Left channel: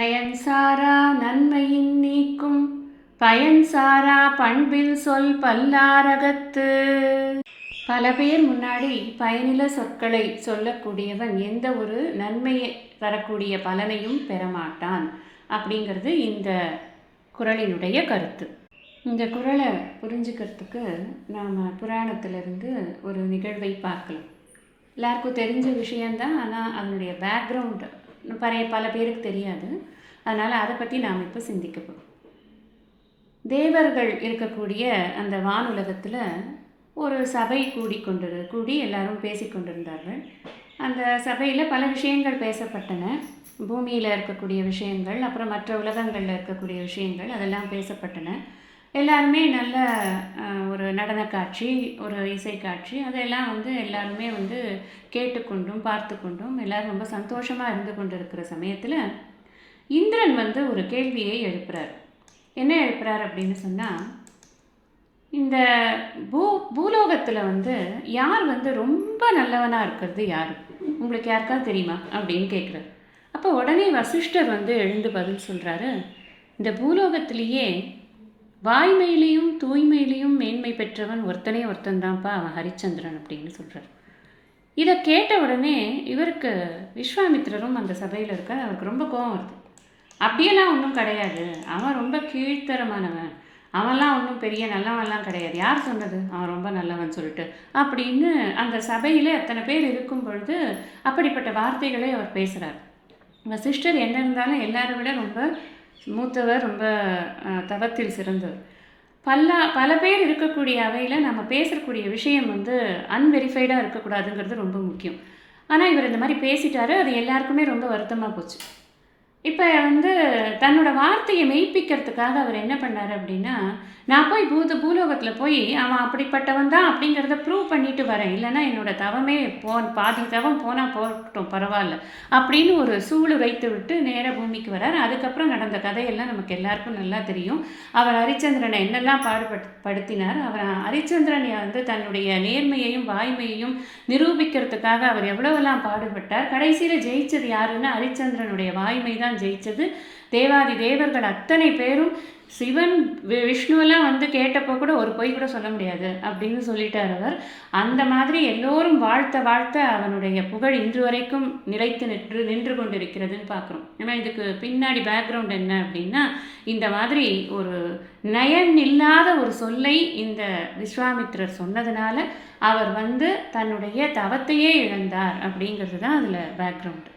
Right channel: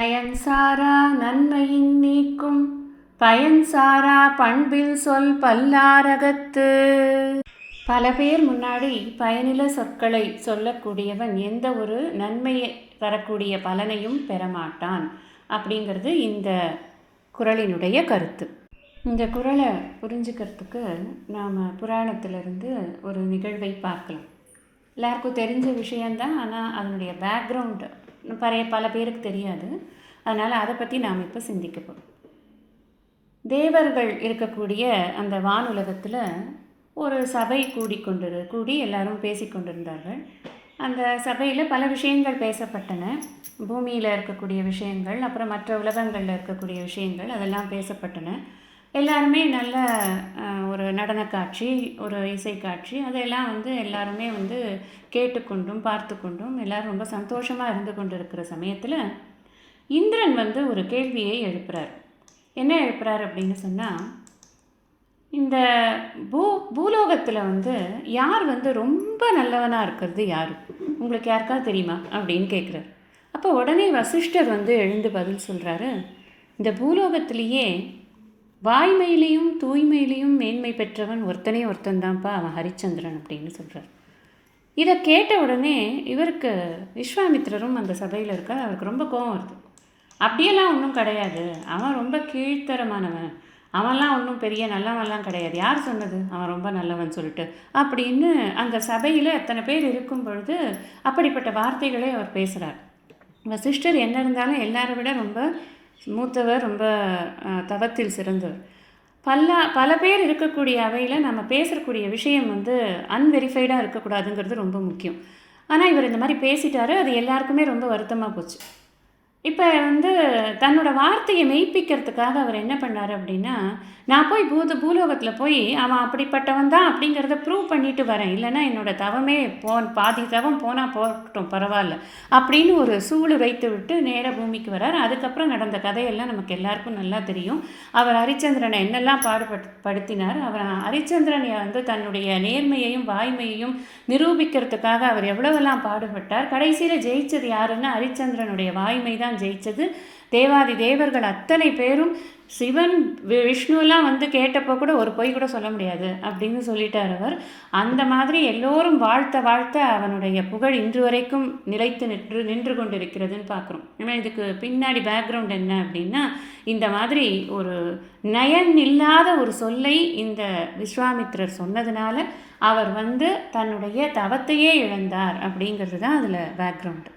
பயன்சாரா நன்மையின் நீக்கும் பயன்சாரா பண்பில் சொல் பல்லாரகத்து. பல பேர் முன்னாடி பயனில சொற்களை சொல்லக்கூடியவன் எந்த ஒரு நன்மையை தரக்கூடிய பலனையும் பெறமாட்டான் அப்படிங்கிறது இந்த குறளினுடைய கருத்து. இந்த குறளை புரிஞ்சுக்கிறதுக்கு நாம் புராணத்திலிருந்து ஒரு நிகழ்வை பார்க்கலாம். எல்லாருக்கும் தெரிஞ்ச விஷயந்தான், ஆனால் அதனுடைய பேக்ரவுண்டு பல பேருக்கு தெரியாது. அதனால் அதை பற்றி நாம் இப்போ சிந்திக்க போகிறோம். தேவர்கள் இருக்கக்கூடிய அந்த வானுலகத்தில் ஒரு சபை கூடி எல்லாரும் பேசிக்கொண்டிருந்தார்கள். அந்த சபையில் பல விஷயங்கள் பேசப்பட்டன. பூமியில் இருக்கக்கூடிய விஷயங்கள், அப்புறம் மற்ற உலகங்களில் இருக்கக்கூடிய விஷயங்கள், அதெல்லாம் பேசப்பட்டன. எல்லாருமே நல்ல ஒரு நடன காட்சி, ஒரு இசை காட்சி, அதெல்லாம் எல்லாருமே கேட்டுக்கொண்டும் பார்த்து கொண்டும் எல்லோரும் ரொம்ப சந்தோஷமாக இருந்து கொண்டு இருக்கிற சமயத்தில் இந்திரன் ஒரு கேள்வியை எழுப்புறார். என்ன எழுப்புறார் அப்படின்னு சொன்னால், இந்த பூலோகத்தில் யார் ரொம்ப நல்லவனாக இருக்கிறது யார், உங்களுக்கு யாருக்காவது தெரியுமா அப்படின்னு கேட்குறாரு. அப்போ உடனே வசிஷ்டர் எழுந்து பதில் சொல்கிறாரு, இந்த பூலோகத்திலேயே வாய்மையிலையும் தூய்மையிலையும் மேன்மை பெற்றவன் ஒருத்தன்தான்ப்பா, அவன் ஹரிச்சந்திரன் அப்படின்னு சொல்கிறார். இதை கேட்ட உடனே இவருக்கு, விஸ்வாமித்திரரும் அந்த சபையில் இருக்கார், அவருக்கு ரொம்ப கோபம் வருது. அப்படியெல்லாம் ஒன்றும் கிடையாது, அவன் ரொம்ப கீழ்த்தரமானவன், அவன்லாம் ஒன்றும் பெரிய நல்லவன்லாம் கிடையாது, யார் சொன்னது அவன் ரொம்ப நல்லவன் சொல்லிட்டு அப்படின்னு அந்த சபையில் அத்தனை பேர் இருக்கும் பொழுது அப்படிப்பட்ட வார்த்தைகளை அவர் பேசுகிறார். வசிஷ்டர் என்ன இருந்தாலும் எல்லாரை விட ரொம்ப மூத்தவர், ரொம்ப தவத்தில் சிறந்தவர். பல பேர் இருக்கக்கூடிய அவையில் நம்ம பேசக்கூடிய விஷயம் அன்வெரிஃபைடாக இருக்கக்கூடாதுங்கிறது ரொம்ப முக்கியம். ஆனால் இவர் இந்த மாதிரி பேசிட்டாரு, அது எல்லாருக்குமே ரொம்ப வருத்தமாக போச்சு. இப்போ தன்னோட வார்த்தையை மெய்ப்பிக்கிறதுக்காக அவர் என்ன பண்ணார் அப்படின்னா, நான் போய் பூலோகத்தில் போய் அவன் அப்படிப்பட்டவன் தான் அப்படிங்கிறத ப்ரூவ் பண்ணிட்டு வரேன், இல்லைன்னா என்னோட தவமே பாதி தவம் போனால் போகட்டும் பரவாயில்ல அப்படின்னு ஒரு சூடு வைத்து விட்டு நேராக பூமிக்கு வரார். அதுக்கப்புறம் நடந்த கதையெல்லாம் நமக்கு எல்லாருக்கும் நல்லா தெரியும். அவர் ஹரிச்சந்திரனை என்னெல்லாம் படுத்தினார், அவர் ஹரிச்சந்திரனை தன்னுடைய நேர்மையையும் வாய்மையையும் நிரூபிக்கிறதுக்காக அவர் எவ்வளவெல்லாம் பாடுபட்டார். கடைசியில் ஜெயிச்சது யாருன்னா ஹரிச்சந்திரனுடைய வாய்மை தான் ஜெயிச்சது. தேவாதி தேவர்கள் அத்தனை பேரும், சிவன் விஷ்ணுவெல்லாம் கேட்டப்போ கூட ஒரு பொய் கூட சொல்ல முடியாது அப்படின்னு சொல்லிட்டார் அவர். அந்த மாதிரி எல்லோரும் வாழ்த்த அவனுடைய புகழ் இன்று வரைக்கும் நிலைத்து நின்று கொண்டிருக்கிறதுன்னு பார்க்குறோம். ஏன்னா இதுக்கு பின்னாடி பேக்ரவுண்ட் என்ன அப்படின்னா, இந்த மாதிரி ஒரு நயன் இல்லாத ஒரு சொல்லை இந்த விஸ்வாமித்திரர் சொன்னதுனால அவர் தன்னுடைய தவத்தையே இழந்தார் அப்படிங்கிறது தான் அதில் பேக்ரவுண்டு.